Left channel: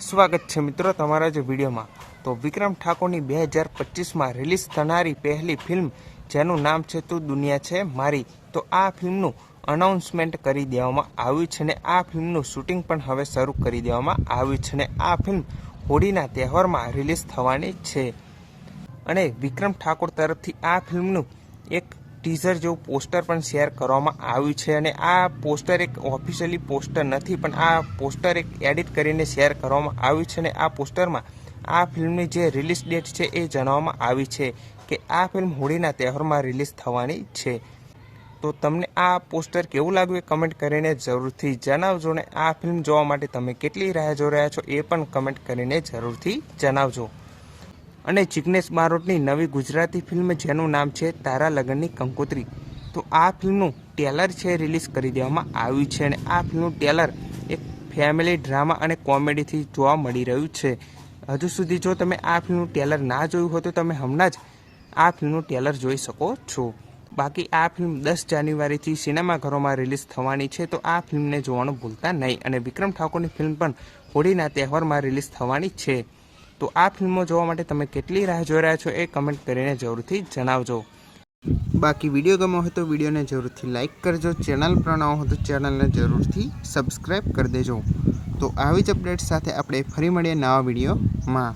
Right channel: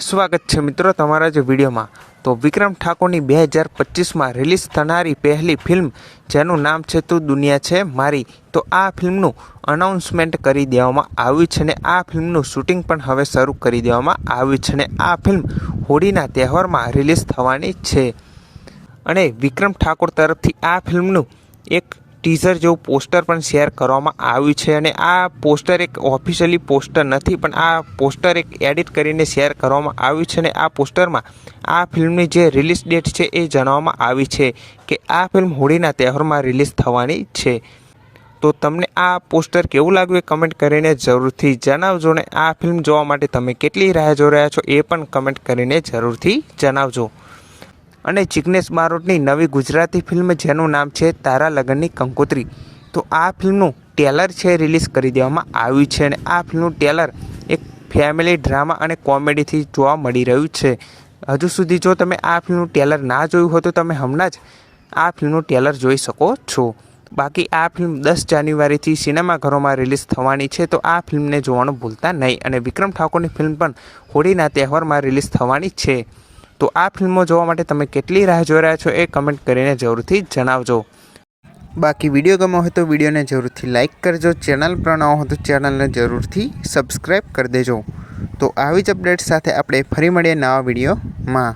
સ્વાગત છે મિત્રો તમારા જ વિડીયોમાં। તો વિક્રમ ઠાકોરની 2025માં રિલીઝ થનારી પહેલી ફિલ્મ જેનું નામ છે તું દુનિયા છે મારી, તો આ ફિલ્મનું અનાઉન્સમેન્ટ કરી દેવામાં આવ્યું છે ને આ ફિલ્મનું શૂટિંગ પણ હવે શરૂ કરી દેવામાં આવ્યું છે ને આ ફિલ્મ હોળીના તહેવારમાં રિલીઝ થવાની છે। અને વિક્રમ ઠાકોર તરફથી આ ફિલ્મનું એક ટીઝર જેવું પોસ્ટર પણ શેર કરવામાં આવ્યું છે અને આ પોસ્ટર એક ઓફિશિયલી પોસ્ટર નથી, પણ આ પોસ્ટર એક એડિટ કરીને શેર કરવામાં આવ્યું છે અને આ પોસ્ટરમાં આ ફિલ્મની જે રિલીઝ ડેટ છે એ જણાવવામાં આવી છે કે આ ફિલ્મ હોળીના તહેવારમાં રિલીઝ થવાની છે। તો તમને આ પોસ્ટર કેવું લાગ્યું એ કમેન્ટ કરીને જરૂરથી જણાવજો ને આ ફિલ્મ જોવા માટે તમે કેટલી રાહ જોઈ રહ્યા છો એ પણ કમેન્ટ કરીને જરૂરથી જણાવજો। અને જિગ્નેશ બારોટની નવી ગુજરાતી ફિલ્મ જેનું નામ છે તારા લગનની કંકોત્રી, તો આ ફિલ્મનું ટેલર છે રિલીઝ કરી દેવામાં આવ્યું છે અને આ ફિલ્મનું ટેલર એક ફેમિલી ડ્રામા અને કોમેડીથી જોવા મળી રહ્યું છે। હજુ સુધી જો તમે આ ફિલ્મનું ટેલર ના જોયું હોય તો તમે હમણાં જ આ ફિલ્મનું ટેલર જોઈ શકો છો। બાકી આ ફિલ્મ 10 જાન્યુઆરીથી સિનેમાઘરોમાં રિલીઝ થવાની છે, તો આ ફિલ્મને જોવાનું ભૂલતા નહીં। અને વિક્રમ ઠાકોરની ફિલ્મ પણ હોળીના તહેવારમાં રિલીઝ થવાની છે, તો આ ફિલ્મો જોવા માટે તમે કેટલી રાહ જોઈ રહ્યા છો એ કમેન્ટ કરીને જરૂરથી જણાવજો। બાકી વિડીયો ગમ્યો હોય તો વિડીયોને જરૂરથી લાઇક કરજો, ચેનલ પર નવા હોય તો ચેનલને જરૂરથી સબસ્ક્રાઈબ કરી દેજો। તો આવી જ અપડેટ સાથે આપણે ફરી મળીએ નવા વિડીયોમાં।